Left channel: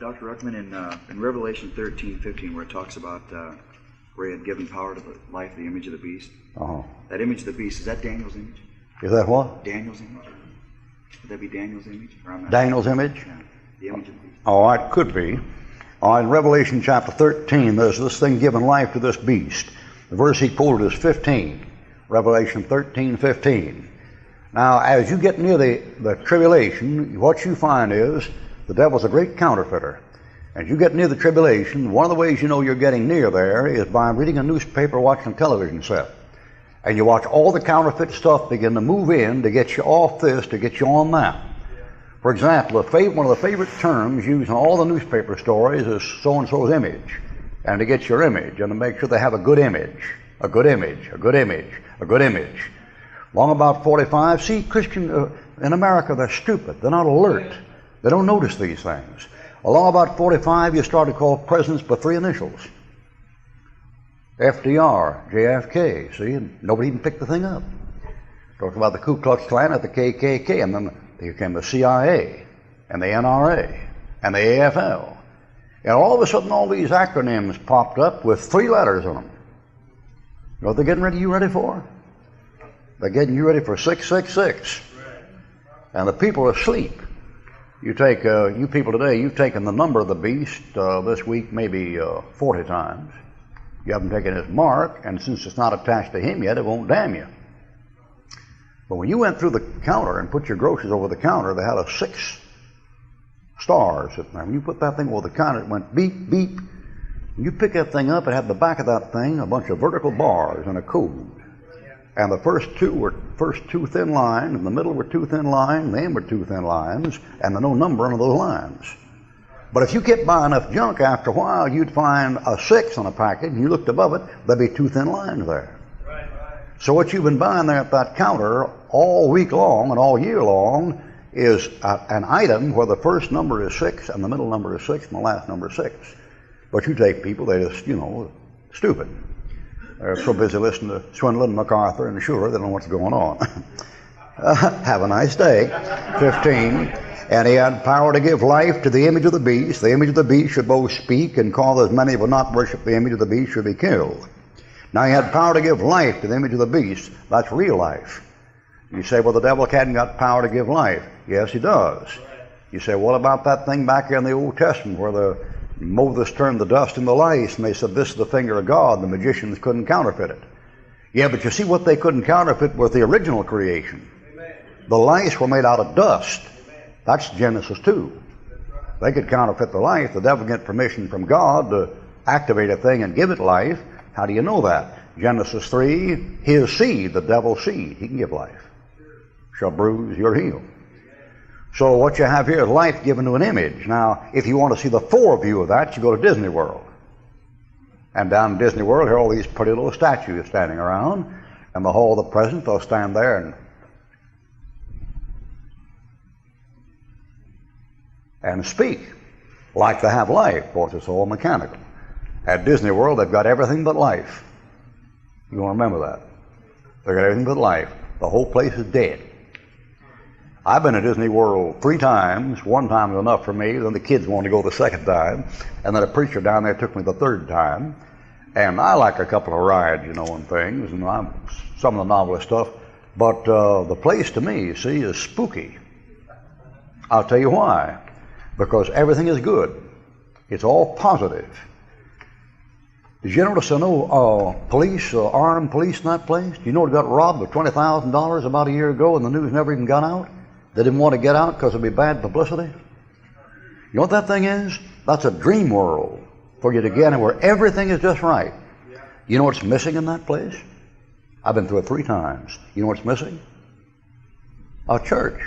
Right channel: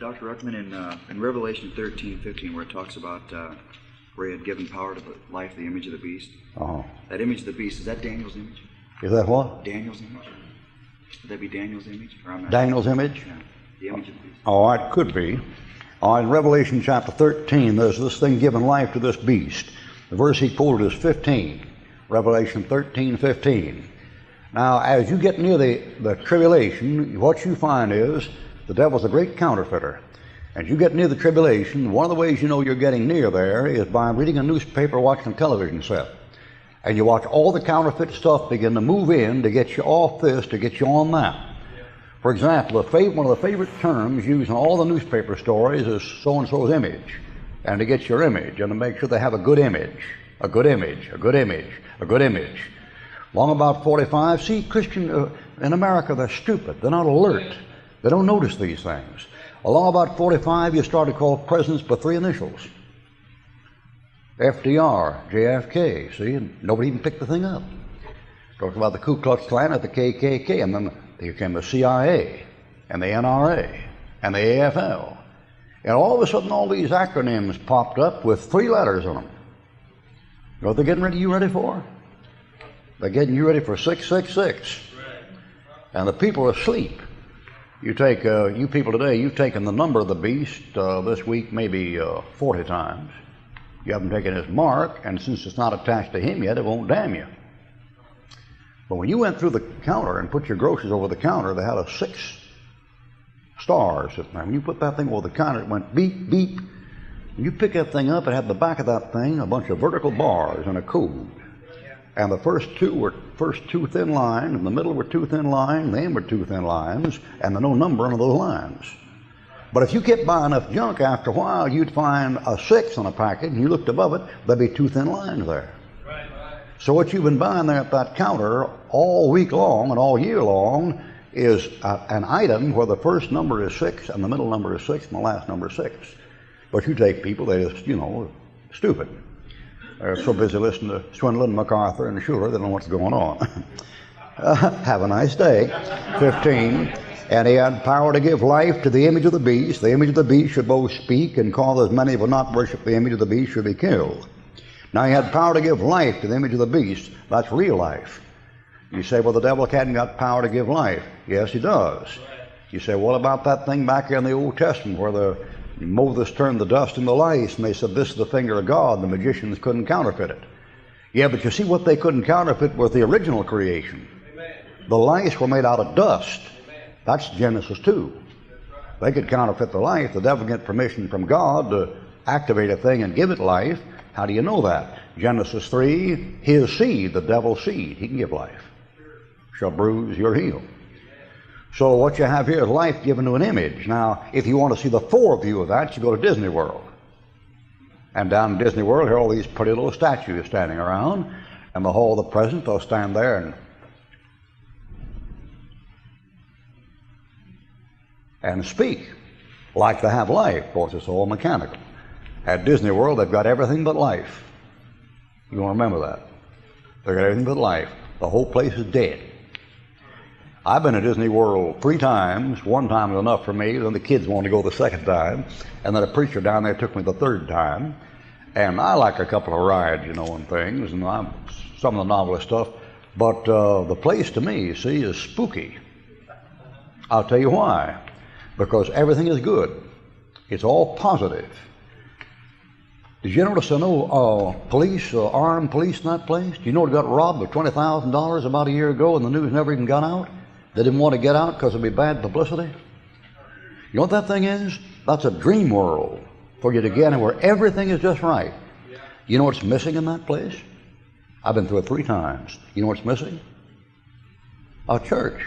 Dr. Ruckman, in Revelation 13:15, where it talks about where he had given power to the life of the image of the beast. That image of the beast, is that Daniel's image? Is that what? Daniel's image? Would that be Daniel's image? Daniel's image? Yeah, the image of the beast. Oh, it could be. In Revelation chapter 13, there's this thing giving life to this beast. The verse he quoted is 15. Revelation 13:15. Now, as you get near the tribulation, what you find is the devil's a great counterfeiter. As you get near the tribulation, one of the ways you know you're getting near there is by reading a newspaper, watching a television set. And you watch all the counterfeit stuff begin to move in to get you off this, to get you on that. For example, one of the favorite terms used in all the newspaper stories is so-and-so's image. And to get your image, and to make sure they have a good image, a good image, a good image, a good image. Long about 45, see, Christian in America, they're stupid. They're not alert. They don't notice these things. Along about 45, you start to call presidents by three initials. FDR, JFK, see, and nobody even picked the thing up. Talked about the Ku Klux Klan at the KKK, and then they became the CIA, and the NRA, and the AFL. And all of a sudden, all these acronyms popped up with three letters on them. You know what they're getting you ready for? They're getting you ready for 666. And the people are asleep. You take, you people today, you've taken the number of the beast this week maybe 40 times. You haven't taken his mark, and since it's not attached to him yet, it won't damn you. But when you went through the counter and put your groceries over the counter, they had a 6 stars sitting there. When you put that thing over the counter, it went beep, beep. When you pick that thing up, it had the back of that thing a bunch of vertical bars and a code. And the first two were two thin lines, in the middle were two thin lines, the end were two thin lines, and there's no number on those lines. But if you kept buying enough junk, after a while, you'd find a 6 on a package, and you looked above it, there'd be two thin lines there. So what you've been buying there at that counter all week long and all year long is an item where the first number is 6, and the middle number is 6, and the last number is 6. But you take people, they just, stupid. They're so busy listening to Swindlin, MacArthur, and Schuller, they don't know what's going on. Have a nice day. 15. And he had power to give life to the image of the beast. The image of the beast should both speak and call as many who will not worship the image of the beast should be killed. Now he had power to give life to the image of the beast. That's real life. You say, well, the devil hadn't got power to give life. Yes, he does. You say, what about that thing back here in the Old Testament where Moses turned the dust into lice, and they said, this is the finger of God. The magicians couldn't counterfeit it. Yeah, but you see what they couldn't counterfeit was the original creation. The lice were made out of dust. That's Genesis 2. They could counterfeit the life. The devil get permission from God to activate a thing and give it life. How do you know that? Genesis 3, his seed, the devil's seed, he can give life. Shall bruise your heel. So what you have here is life given to an image. Now, if you want to see the foreview of that, you go to Disney World. And down in Disney World, here are all these pretty little statues standing around. And the Hall of the President, they'll stand there and speak like they have life. Of course, it's all mechanical. At Disney World, they've got everything but life. You want to remember that. They've got everything but life. The whole place is dead. I've been to Disney World 3 times. One time was enough for me. Then the kids wanted to go the second time. And then a preacher down there took me the 3rd time. And I like a couple of rides, and things, and some of the novelist stuff. But the place to me, see, is spooky. I'll tell you why. Because everything is good. It's all positive. Did you notice police, armed police in that place? Do you know it got robbed of $20,000 about a year ago and the news never even got out? They didn't want to get out because it'd be bad publicity. You know what that thing is? That's a dream world for you to get in where everything is just right. You know what's missing in that place? I've been through it 3 times. You know what's missing? A church.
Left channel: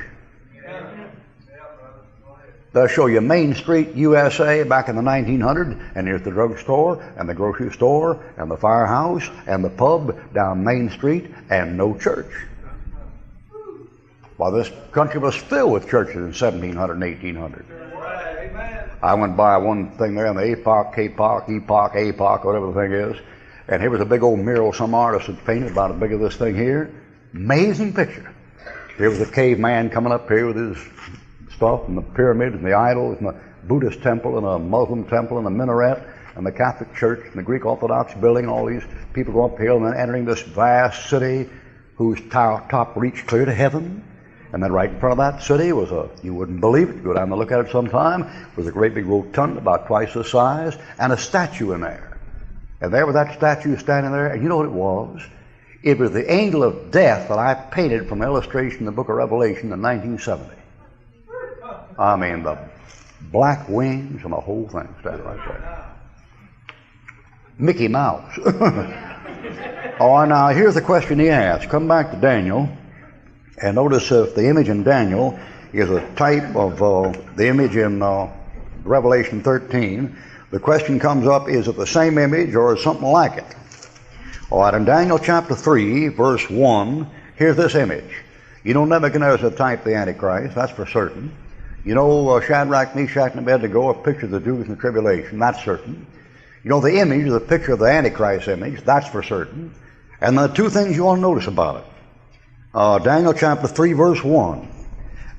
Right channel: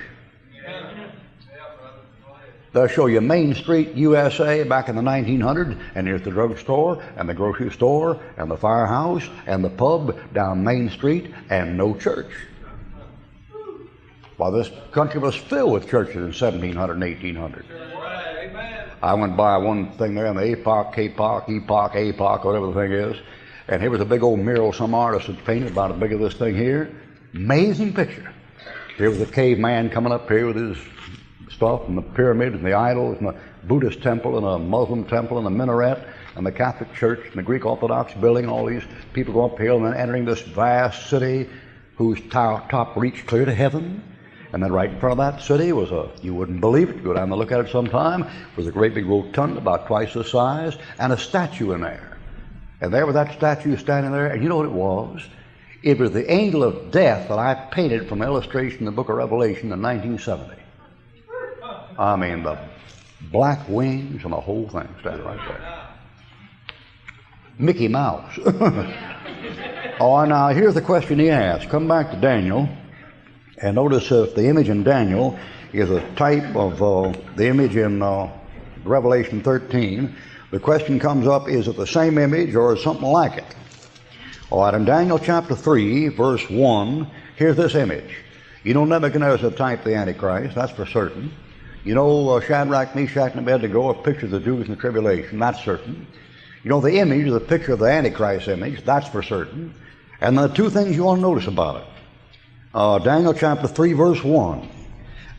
They'll show you Main Street, USA, back in the 1900s, and here's the drugstore, and the grocery store, and the firehouse, and the pub down Main Street, and no church. Why, this country was filled with churches in 1700 and 1800. I went by one thing there in the APOC, whatever the thing is, and here was a big old mural some artist had painted about as big as this thing here. Amazing picture. Here was a caveman coming up here with his stuff and the pyramids and the idols and Buddhist temple and a Muslim temple and a minaret and the Catholic Church and the Greek Orthodox building, all these people go uphill and then entering this vast city whose top reached clear to heaven. And then right in front of that city was you wouldn't believe it, go down and look at it sometime, was a great big rotunda about twice the size and a statue in there. And there was that statue standing there, and you know what it was? It was the angel of death that I painted from illustration in the book of Revelation in 1970. I mean, the black wings and the whole thing standing right there. Mickey Mouse. Oh, now here's the question he asked. Come back to Daniel, and notice if the image in Daniel is a type of the image in Revelation 13, the question comes up, is it the same image or is something like it? All right, in Daniel chapter 3, verse 1, here's this image. You know Nebuchadnezzar typed the Antichrist, that's for certain. You know Shadrach, Meshach, and Abednego are pictures of the Jews in the tribulation, that's certain. You know the image is a picture of the Antichrist image, that's for certain. And the two things you want to notice about it. Daniel chapter 3, verse 1.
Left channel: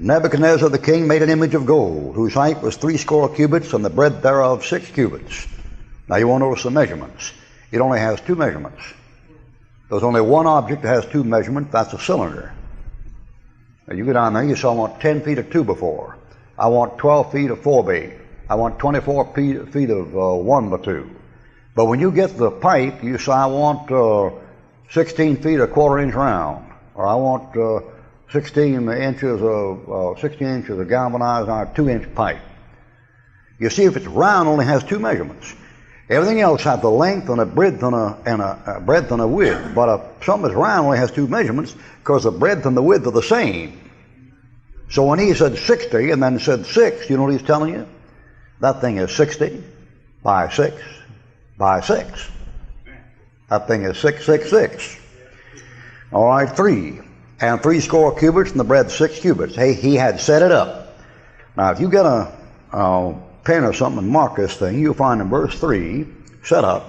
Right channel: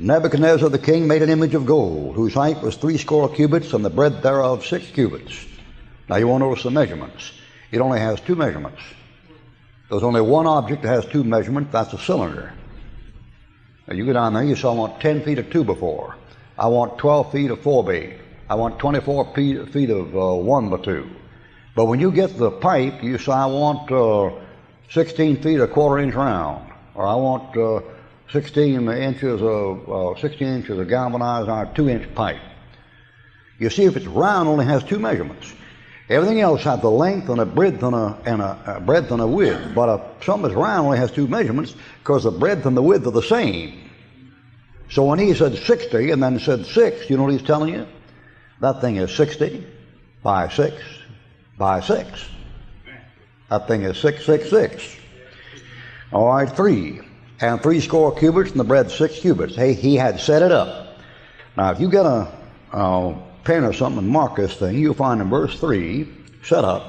Nebuchadnezzar the king made an image of gold, whose height was 60 cubits, and the breadth thereof 6 cubits. Now you want to notice the measurements. It only has 2 measurements. There's only one object that has 2 measurements, that's a cylinder. Now you go down there, you say, I want 10 feet of 2 before. I want 12 feet of 4B. I want 24 feet of 1 by 2. But when you get the pipe, you say, I want 16 feet a quarter inch round, or I want 16 inches of galvanized iron 2-inch pipe. You see, if it's round, it only has 2 measurements. Everything else has the length and a breadth and a breadth and a width. But if something that's round only has 2 measurements because the breadth and the width are the same. So when he said 60 and then said 6, you know what he's telling you? That thing is 60 by 6 by 6. That thing is 666. All right, 3. And 60 cubits, and the breadth 6 cubits. Hey, he had set it up. Now, if you get a pen or something and mark this thing, you'll find in verse 3, set up,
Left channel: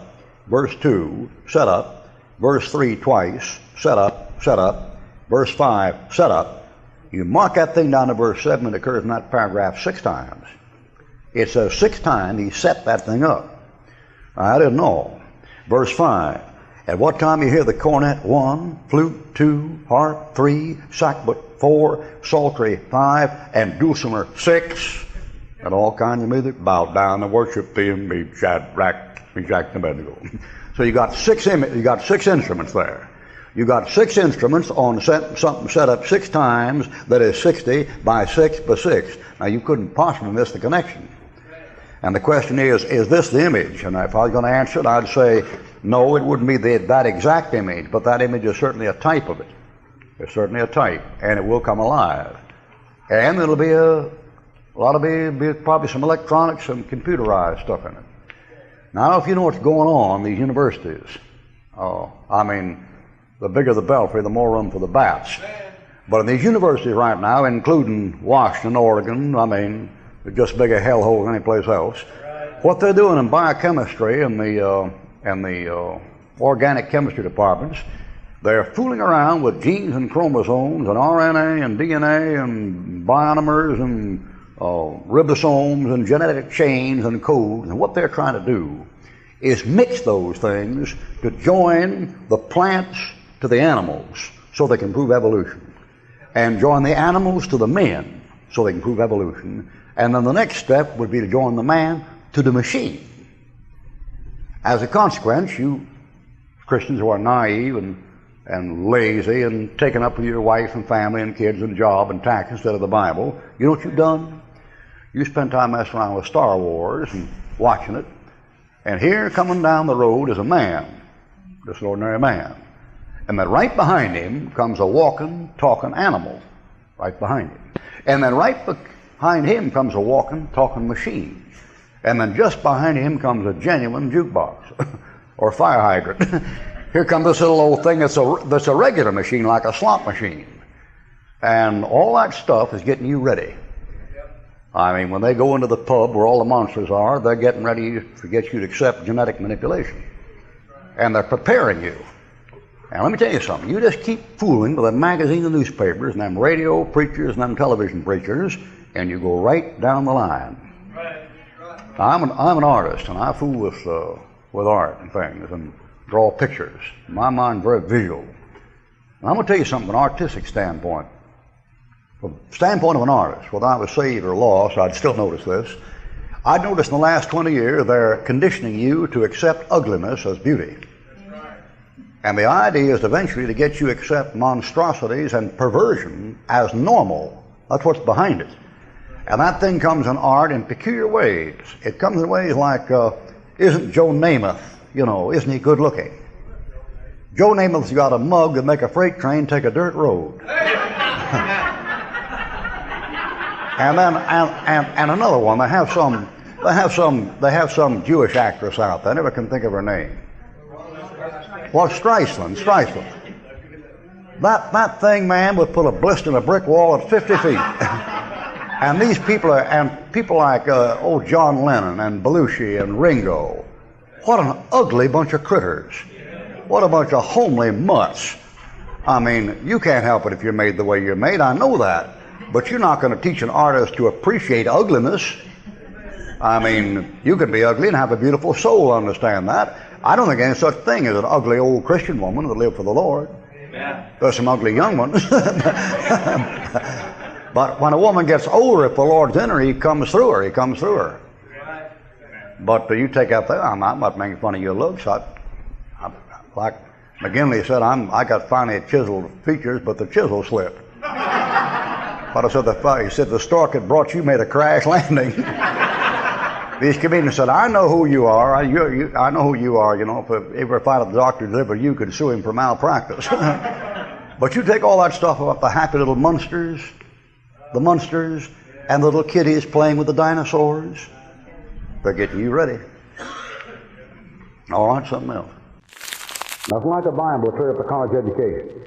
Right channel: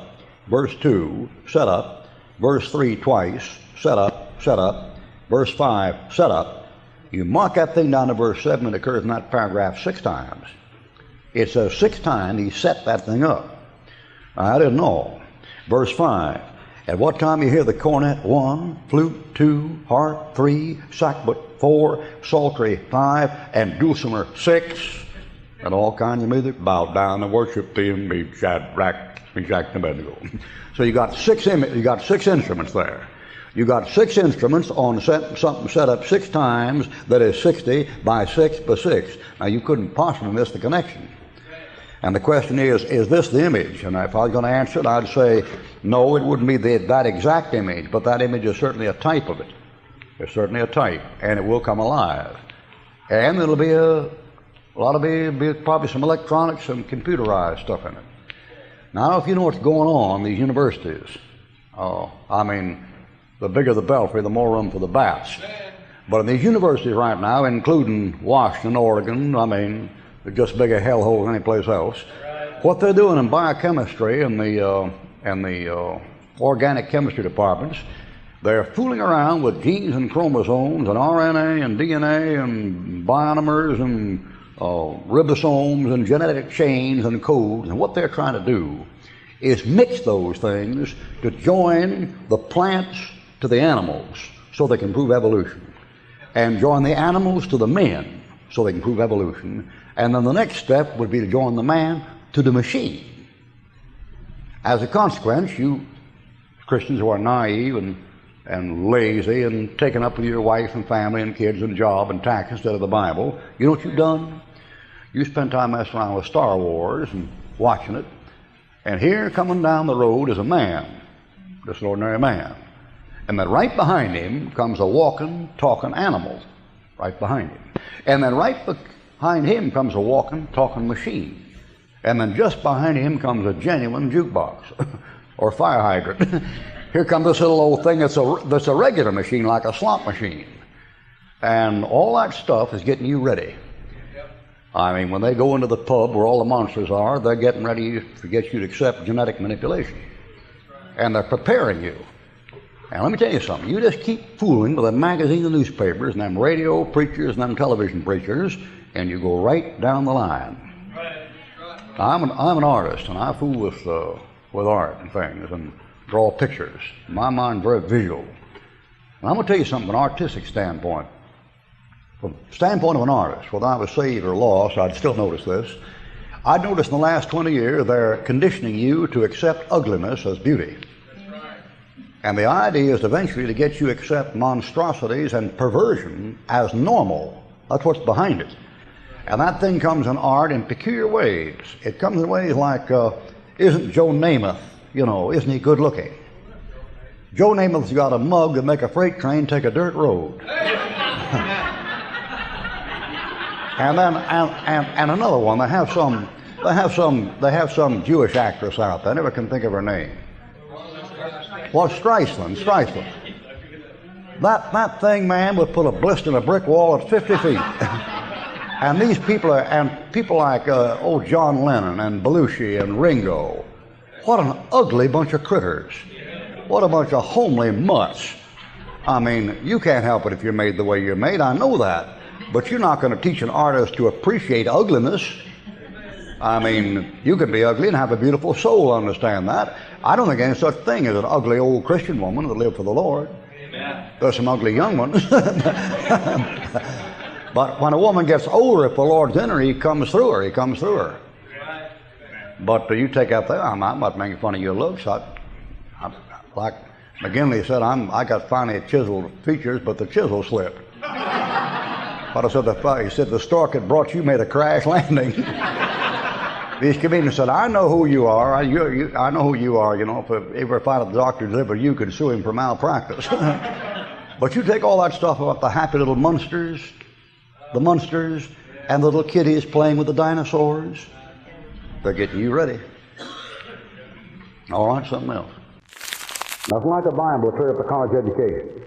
verse 2, set up, verse 3 twice, set up, verse 5, set up. You mark that thing down to verse 7, it occurs in that paragraph 6 times. It says 6 times he set that thing up. I didn't know. Verse 5. At what time you hear the cornet 1, flute 2, harp 3, sackbut 4, psaltery 5, and dulcimer 6, and all kinds of music, bow down and worship thee and be Shadrach, Meshach, and Abednego. So you got 6 instruments there. You got 6 instruments on something set up 6 times that is 60 by 6 by 6. Now you couldn't possibly miss the connection. And the question is this the image? And if I was going to answer it, I'd say, no, it wouldn't be that exact image, but that image is certainly a type of it. It's certainly a type, and it will come alive. And it'll be probably some electronics and computerized stuff in it. Now, if you know what's going on in these universities, the bigger the belfry, the more room for the bats. But in these universities right now, including Washington, Oregon, they're just big a hellhole than any place else. What they're doing in biochemistry and the organic chemistry departments, they're fooling around with genes and chromosomes and RNA and DNA and bionomers and ribosomes and genetic chains and codes. And what they're trying to do is mix those things to join the plants to the animals so they can prove evolution, and join the animals to the men so they can prove evolution. And then the next step would be to join the man to the machine. As a consequence, you Christians who are naive and lazy and taken up with your wife and family and kids and job and tax instead of the Bible, you know what you've done? You spend time messing around with Star Wars and watching it, and here coming down the road is a man, just an ordinary man. And then right behind him comes a walking, talking animal, right behind him. And then right behind him comes a walking, talking machine. And then just behind him comes a genuine jukebox or fire hydrant. Here comes this little old thing that's a regular machine, like a slot machine. And all that stuff is getting you ready. When they go into the pub where all the monsters are, they're getting ready to get you to accept genetic manipulation. And they're preparing you. And let me tell you something, you just keep fooling with them magazines and newspapers and them radio preachers and them television preachers, and you go right down the line. I'm an artist, and I fool with art and things and draw pictures. My mind's very visual. And I'm going to tell you something from an artistic standpoint. From the standpoint of an artist, whether I was saved or lost, I'd still notice this. I'd noticed in the last 20 years they're conditioning you to accept ugliness as beauty. Amen. And the idea is eventually to get you to accept monstrosities and perversion as normal. That's what's behind it. And that thing comes in art in peculiar ways. It comes in ways like, isn't Joe Namath, isn't he good looking? Joe Namath's got a mug that make a freight train take a dirt road. And then and another one, they have some Jewish actress out there. I never can think of her name. Well, Streisand. That thing, man, would put a blister in a brick wall at 50 feet. And these people people like John Lennon and Belushi and Ringo. What an ugly bunch of critters. What a bunch of homely mutts. I mean, you can't help it if you're made the way you're made. I know that. But you're not going to teach an artist to appreciate ugliness. I mean, you can be ugly and have a beautiful soul, understand that. I don't think any such thing as an ugly old Christian woman that lived for the Lord. There's some ugly young ones. But when a woman gets older, if the Lord's in her, he comes through her. But you take out there, I'm not making fun of your looks. Like McGinley said, I got finely chiseled features, but the chisel slipped. But I said, he said, the stork that brought you made a crash landing. These comedians said, I know who you are. I know who you are. If ever find a doctor deliver you, could sue him for malpractice. But you take all that stuff about the happy little monsters, and the little kiddies playing with the dinosaurs. They're getting you ready. All right, something else. Nothing like a Bible to clear up a college education.